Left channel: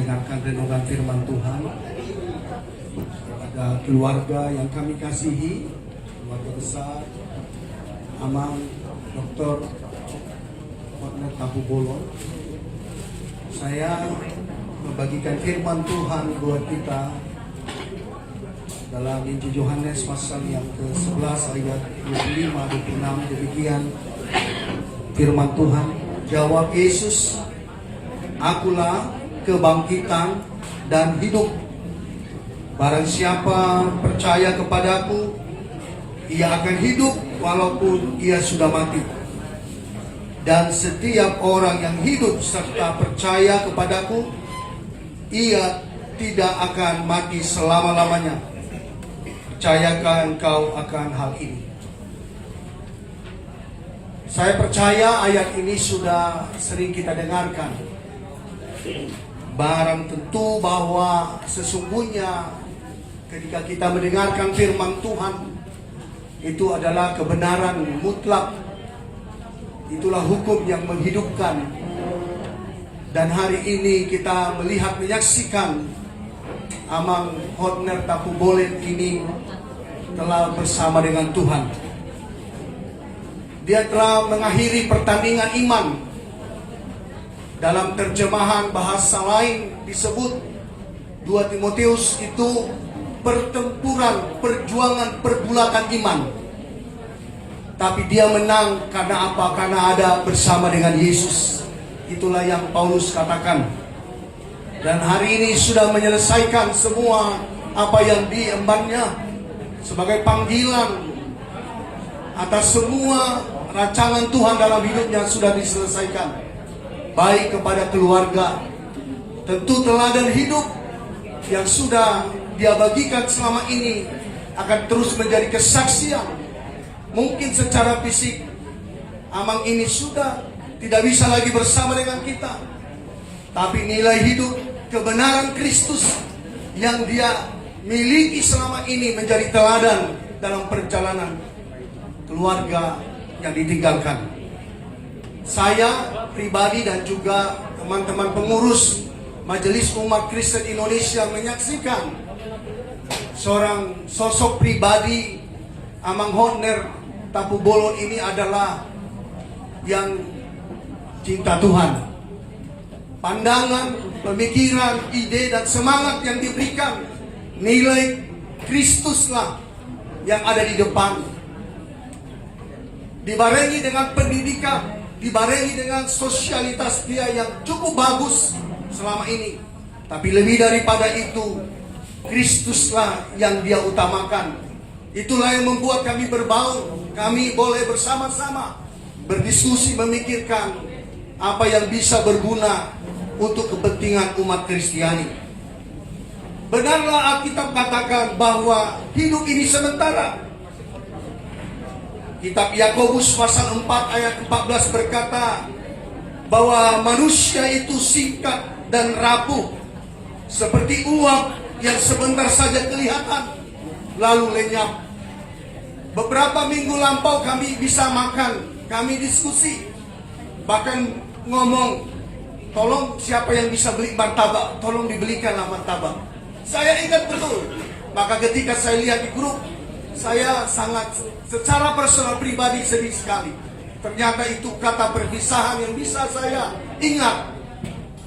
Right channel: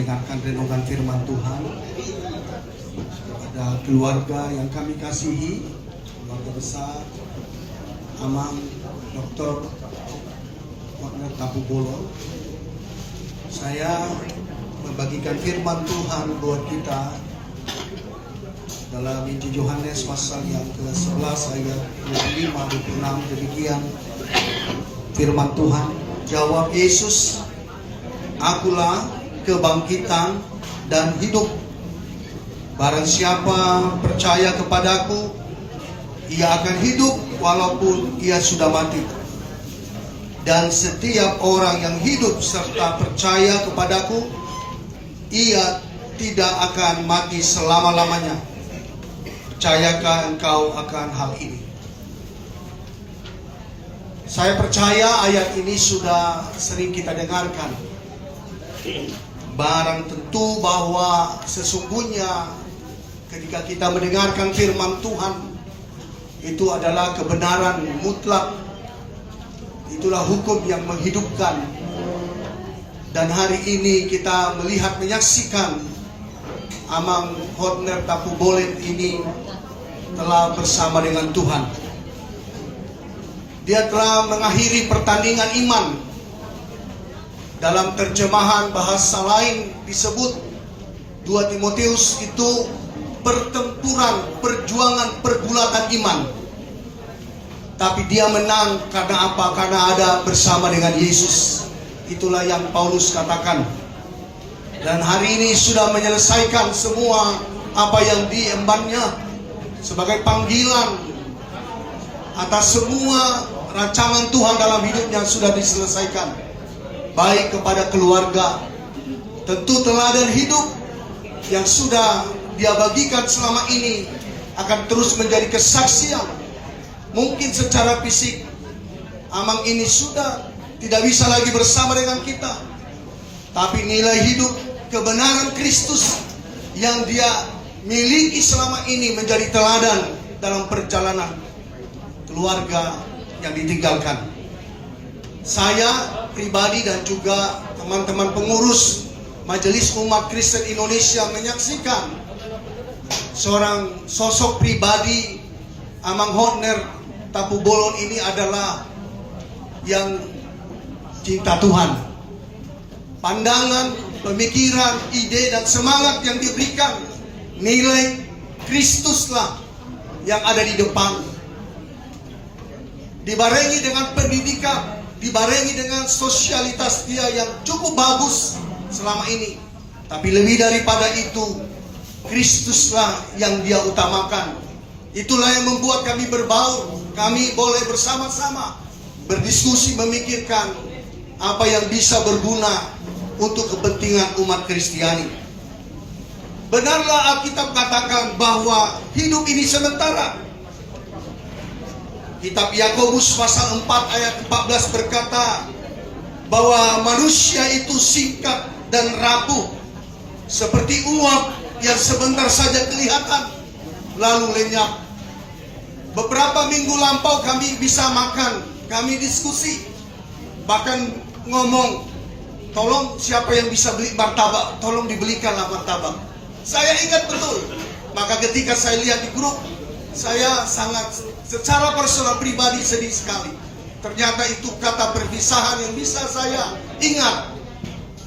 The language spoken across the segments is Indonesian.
mendengarkan renungan firman Tuhan. Kepada keluarga yang kami kasihi, keluarga besar Amang Dr. Horner Tapubolo, saya membagikan firman Tuhan buat kita dalam Injil Yohanes pasal yang ke-11 ayat 25-26. Demikian firman Tuhan. Jawab Yesus, "Akulah kebangkitan dan hidup. Barang siapa percaya kepadaku, ia akan hidup walaupun ia sudah mati. Dan setiap orang yang hidup serta percaya kepadaku, ia tidak akan mati selama-lamanya. Percayakah engkau akan hal ini?" Saya percaya ayat ini sudah sering kita dengarkan. Barang tentu bahwa sesungguhnya ketika kita mendengarkan firman Tuhan, itu adalah kebenaran mutlak. Itulah hukum yang menghidupkan. Dan hari ini kita melihat, menyaksikan Amang Horner Tapubolo ini telah bersama dengan Tuhan. Dia telah mengakhiri pertandingan iman. Dalam terjemahan bahasa lain disebut 2 Timotius itu pertempuran, perjuangan, pergulakan iman. Tapi dia menang karena apa? Karena ada bersama dengan Yesus. Itulah yang Paulus katakan. Dan hari ini sudah menyelesaikan semua apa yang diembannya sebagai panggilan atas semua rancangan Tuhan dalam hidupnya sudah diselesaikan. Baik kepada keluarga, tentu teladan hidup yang sudah dia bagikan selama ini akan terus menjadi kesaksian. Mungkin secara fisik Amang ini sudah tidak bisa lagi bersama dengan kita, tapi nilai hidup kebenaran Kristus yang dia miliki selama ini menjadi teladan dalam perjalanan keluarga yang ditinggalkan. Saya pribadi dan juga teman-teman pengurus Majelis Umat Kristen Indonesia menyaksikan seorang sosok pribadi Amang Horner Tapubolo ini adalah yang cinta Tuhan. Pandangan, pemikiran, ide dan semangat yang diberikan, nilai Kristuslah yang ada di depan. Dibarengi dengan pendidikan, dibarengi dengan sosialitas dia yang cukup bagus selama ini. Tapi lebih daripada itu, Kristuslah yang dia utamakan. Itulah yang membuat kami berbaur. Kami boleh bersama-sama berdiskusi, memikirkan apa yang bisa berguna untuk kepentingan umat Kristiani. Benarlah Alkitab katakan bahwa hidup ini sementara. Kitab Yakobus pasal 4 ayat 14 berkata bahwa manusia itu singkat dan rapuh seperti uap yang sebentar saja kelihatan lalu lenyap. Beberapa minggu lampau kami bisa makan, kami diskusi, bahkan ngomong, tolong siapa yang bisa beli martabak, tolong dibelikanlah martabak. Saya ingat betul. Maka ketika saya lihat di grup, saya sangat secara personal pribadi sedih sekali. Ternyata itu kata perpisahan yang bisa saya ingat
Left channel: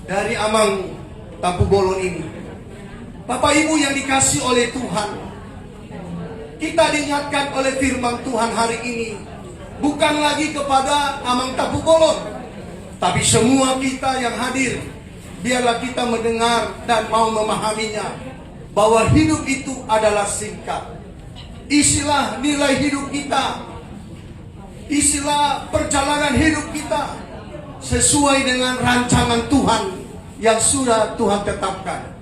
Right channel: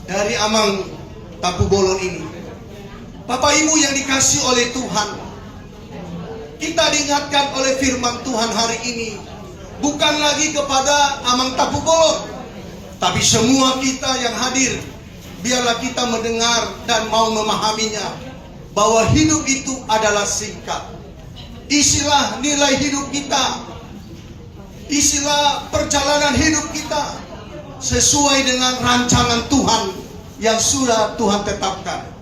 dari Amang Tapubolo ini. Bapak Ibu yang dikasihi oleh Tuhan, kita diingatkan oleh firman Tuhan hari ini, bukan lagi kepada Amang Tapubolo, tapi semua kita yang hadir. Biarlah kita mendengar dan mau memahaminya, bahwa hidup itu adalah singkat. Isilah nilai hidup kita, isilah perjalanan hidup kita sesuai dengan rancangan Tuhan yang sudah Tuhan tetapkan.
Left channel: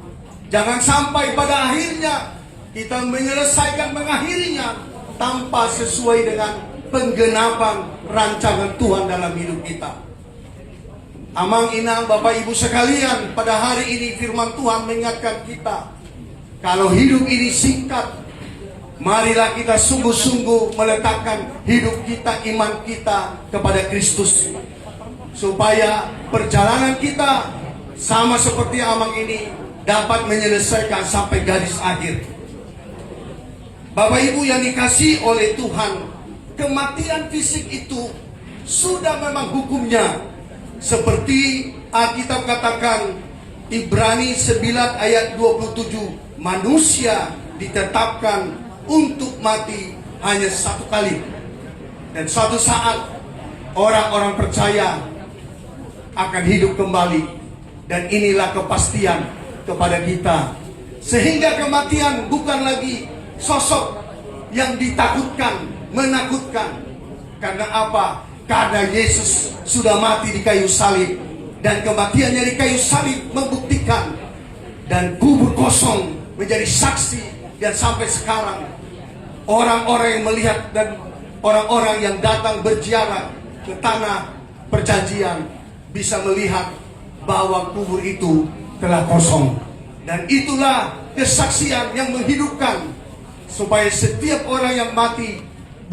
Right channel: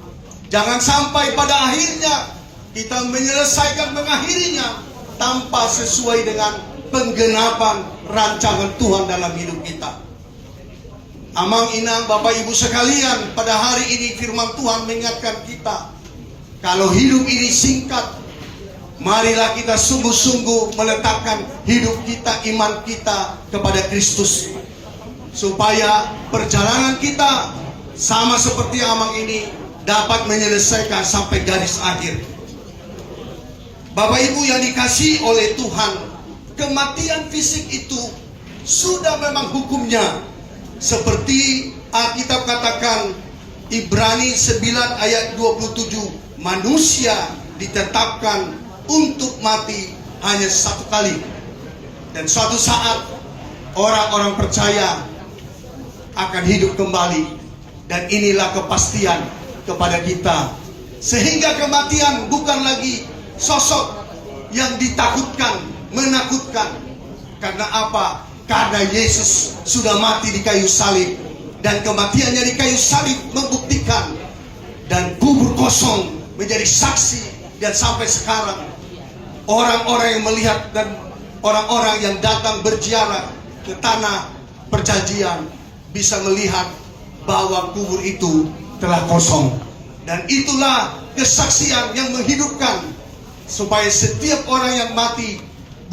Jangan sampai pada akhirnya kita menyelesaikan mengakhirinya tanpa sesuai dengan penggenapan rancangan Tuhan dalam hidup kita. Amang inang Bapak Ibu sekalian, pada hari ini firman Tuhan mengingatkan kita, kalau hidup ini singkat, marilah kita sungguh-sungguh meletakkan hidup kita, iman kita kepada Kristus, supaya perjalanan kita sama seperti Amang ini dapat menyelesaikan sampai garis akhir. Bapak Ibu yang dikasihi oleh Tuhan, kematian fisik itu sudah memang hukumnya. Seperti Alkitab katakan Ibrani 9 ayat 27, manusia ditetapkan untuk mati hanya satu kali. Dan suatu saat orang-orang percaya akan hidup kembali. Dan inilah kepastian kepada kita. Sehingga kematian bukan lagi sosok yang ditakutkan, menakutkan. Karena apa? Karena Yesus sudah mati di kayu salib. Dan kematiannya di kayu salib membuktikan. Dan kubur kosong menjadi saksi. Dan sampai sekarang orang-orang yang melihat dan orang-orang yang datang berziarah ke tanah perjanjian bisa melihat bahwa kubur itu telah kosong. Dan itulah kesaksian yang menghidupkan, supaya setiap orang yang mati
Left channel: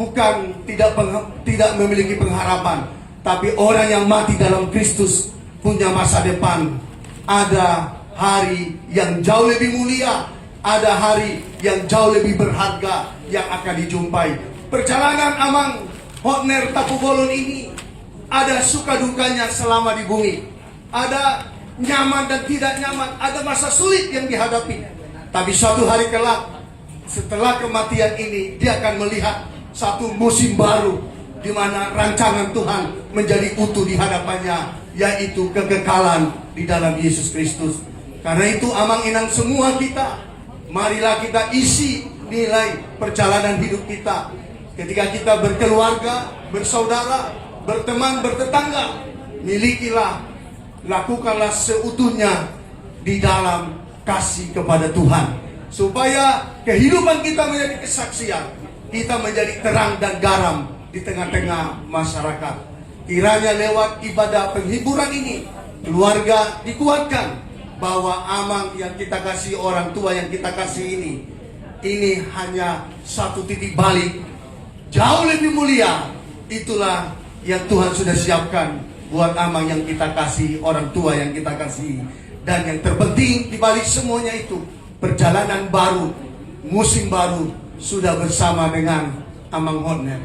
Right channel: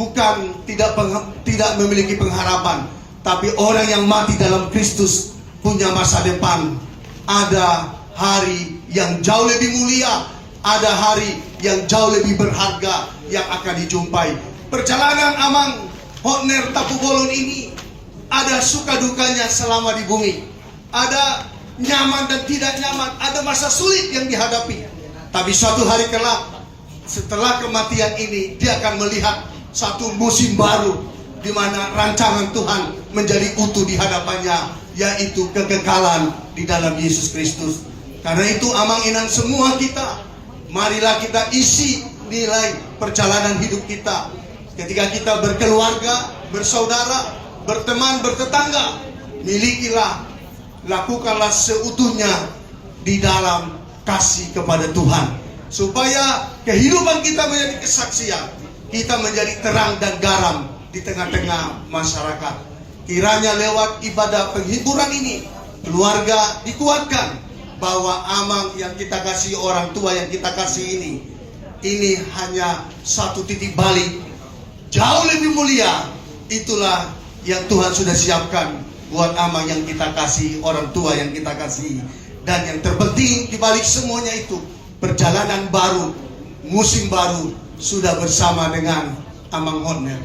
bukan tidak memiliki pengharapan, tapi orang yang mati dalam Kristus punya masa depan. Ada hari yang jauh lebih mulia, ada hari yang jauh lebih berharga yang akan dijumpai. Perjalanan Amang Hotner Tapu Bolon ini ada suka dukanya selama di bumi. Ada nyaman dan tidak nyaman, ada masa sulit yang dihadapi. Tapi suatu hari kelak, setelah kematian ini, dia akan melihat satu musim baru, di mana rancangan Tuhan menjadi utuh di hadapannya, yaitu kekekalan di dalam Yesus Kristus. Karena itu Amang Inang semua kita, marilah kita isi nilai perjalanan hidup kita. Ketika kita berkeluarga, bersaudara, berteman, bertetangga, milikilah, lakukanlah seutuhnya di dalam kasih kepada Tuhan, supaya kehidupan kita menjadi kesaksian, kita menjadi terang dan garam di tengah-tengah masyarakat. Kiranya lewat ibadah penghiburan ini, keluarga dikuatkan bahwa Amang yang kita kasih, orang tua yang kita kasih ini hanya satu titik balik jauh lebih mulia. Itulah yang Tuhan sudah siapkan buat Amang yang kita kasih, orang tua yang kita kasih. Dan yang terpenting di balik semuanya itu, perjalanan baru, musim baru sudah bersama dengan Amang Hotner.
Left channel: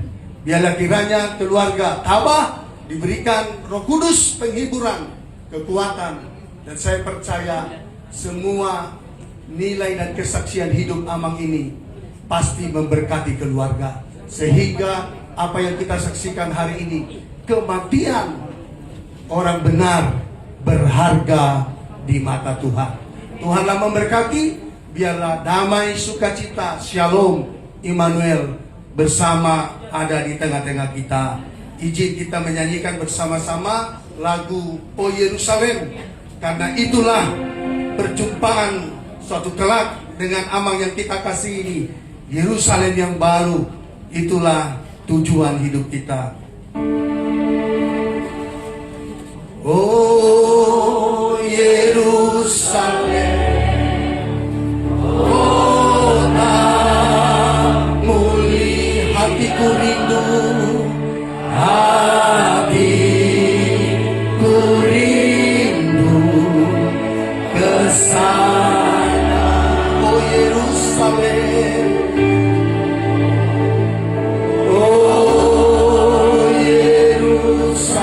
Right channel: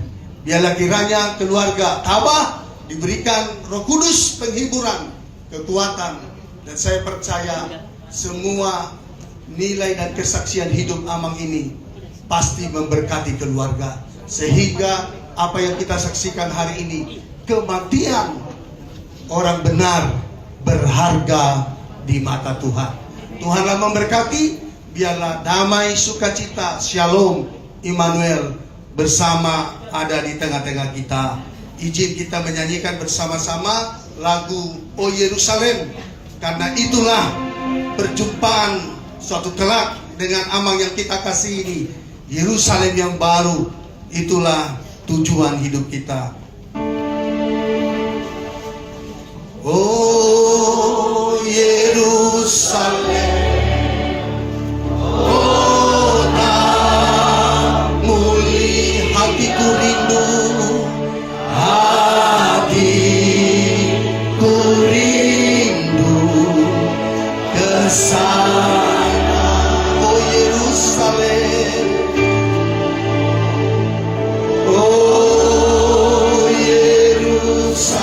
Biarlah kiranya keluarga Tabah diberikan Roh Kudus penghiburan, kekuatan, dan saya percaya semua nilai dan kesaksian hidup Amang ini pasti memberkati keluarga, sehingga apa yang kita saksikan hari ini, kematian orang benar berharga di mata Tuhan. Tuhanlah memberkati. Biarlah damai, sukacita, shalom, Immanuel bersama ada di tengah-tengah kita. Izin kita menyanyikan bersama-sama lagu O Yerusalem, karena itulah perjumpaan suatu kelak dengan Amang yang kita kasih ini. Yerusalem yang baru, itulah tujuan hidup kita. Oh Yerusalem, kota muli, hatiku rindu, hatiku rindu ke sana. Oh Yerusalem, oh Yerusalem,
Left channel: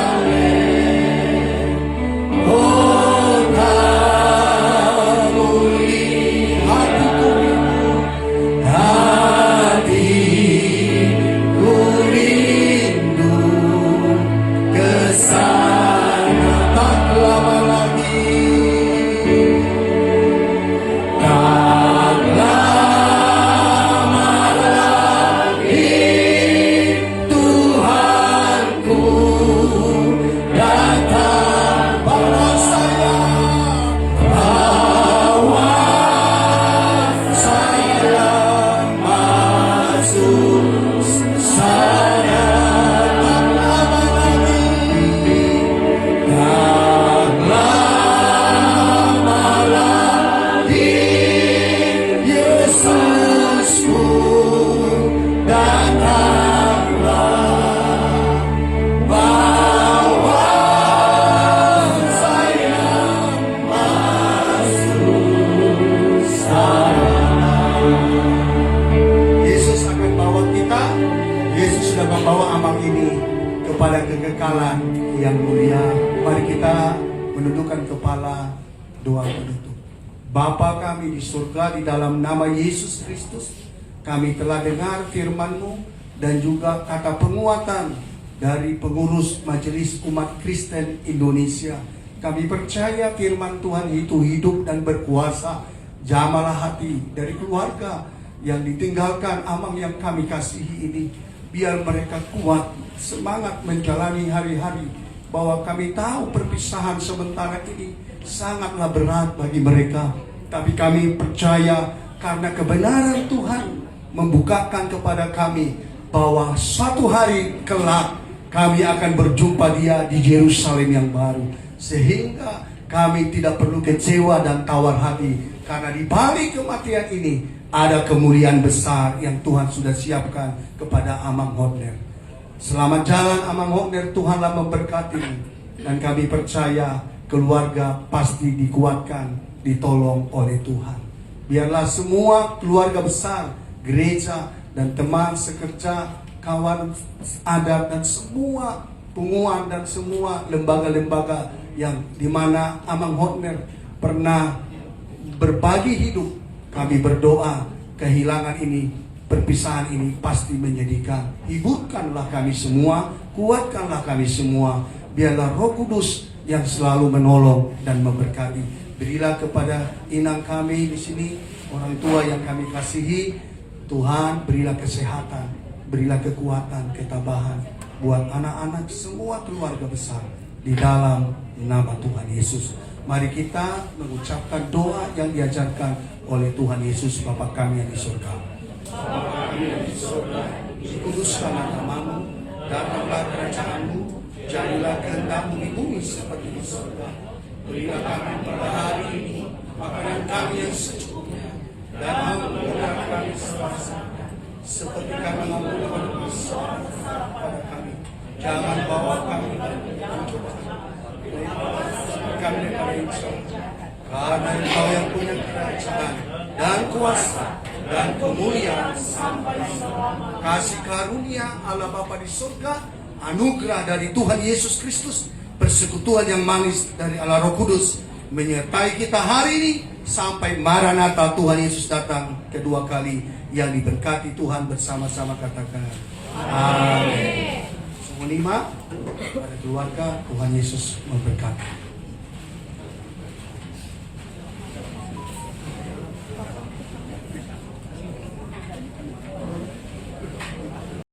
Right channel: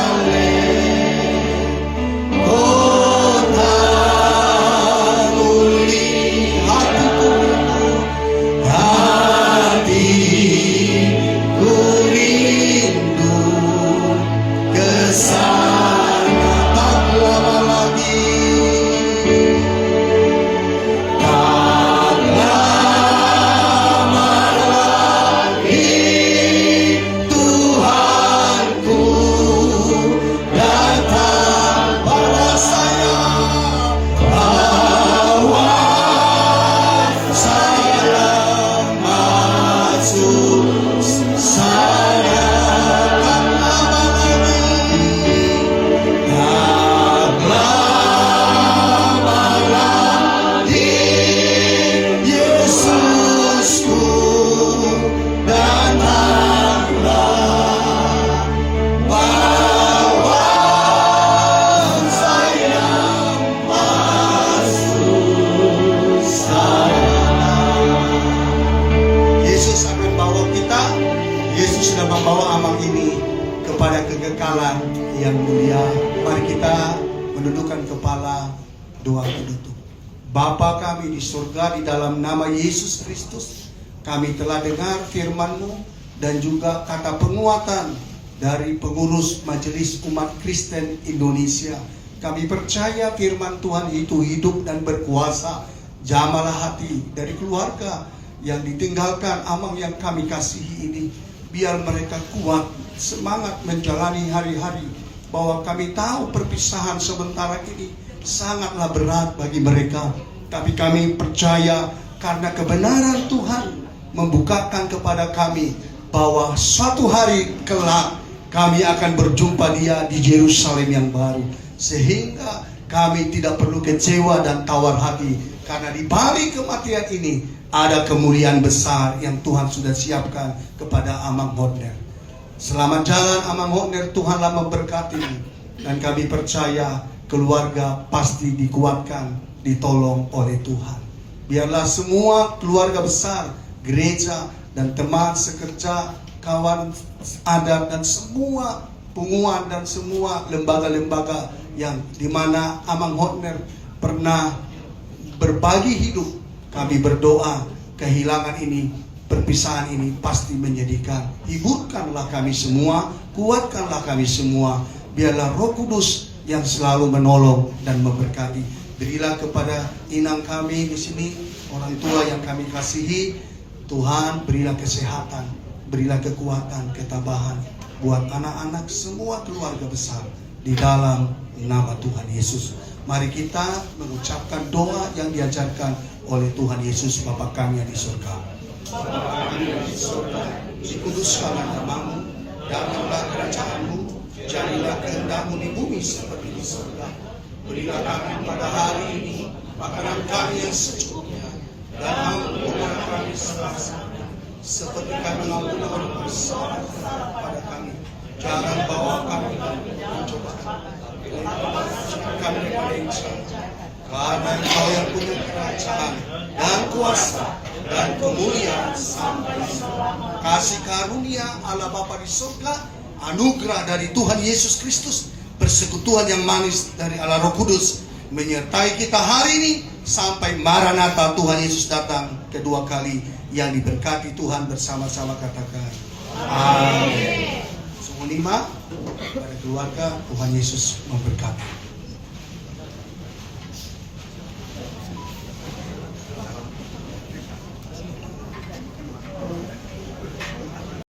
kekekalan yang mulia. Mari kita menundukkan kepala, doa penutup. Bapa kami di surga, di dalam nama Yesus Kristus, kami telah dengar firman-Mu dan juga kata penguatan dari pengurus Majelis Umat Kristen Indonesia. Kami percaya firman Tuhan itu hidup dan berkuasa. Jamalah hati dari keluarga yang ditinggalkan amang yang kami kasihi ini. Biar mereka kuat, semangat menjalani hari-hari. Bahwa kami tahu perpisahan sementara ini sangatlah berat bagi mereka. Tapi kami percaya karena kebenaran Tuhan membukakan kepada kami bahwa suatu hari kelak kami akan berjumpa Dia di Yerusalem yang baru. Sehingga kami tidak perlu kecewa dan tawar hati. Karena di balik kematian ini ada kemuliaan besar yang Tuhan sudah siapkan kepada Amang Hotner. Selamat jalan Amang Hotner, Tuhanlah memberkati. Dan kami percaya keluarga pasti dikuatkan, ditolong oleh Tuhan. Biarlah semua keluarga besar, gereja dan teman sekerja, kawan adat dan semua penguat dan semua lembaga-lembaga yang dimana Amang Hotner pernah berbagi hidup, kami berdoa kehilangan ini, perpisahan ini pasti menyedihkan. Hiburkanlah kami semua, kuatkanlah kami semua. Biarlah Roh Kudus yang selalu menolong dan memberkati. Berilah kepada inang kami di sini, orang tua yang kami kasihi. Tuhan, berilah kesehatan, berilah kekuatan, ketabahan buat anak-anak semua keluarga besar di dalam nama Tuhan Yesus. Mari kita mengucapkan doa yang diajarkan oleh Tuhan Yesus Bapa kami yang di surga. Bapa kami yang di surga, dikuduskanlah nama-Mu, datanglah kerajaan-Mu, jadilah kehendak-Mu di bumi seperti di surga. Berilah kami pada hari ini makanan kami yang secukupnya, dan ampunilah kami salah-salah, seperti kami mengampuni orang bersalah pada kami. Jangan bawa kami ke pencobaan, kami karena Engkau yang punya kerajaan dan kuasa dan kemuliaan sampai selamanya. Kasih karunia Allah Bapa di surga, anugerah dari Tuhan Yesus Kristus, persekutuan yang manis dari Allah Roh Kudus menyertai kita hari ini sampai Maranatha Tuhan Yesus datang kedua kali. Yang diberkati Tuhan bersama-sama katakan amin. Semua pada keluarga, Tuhan Yesus memberkati.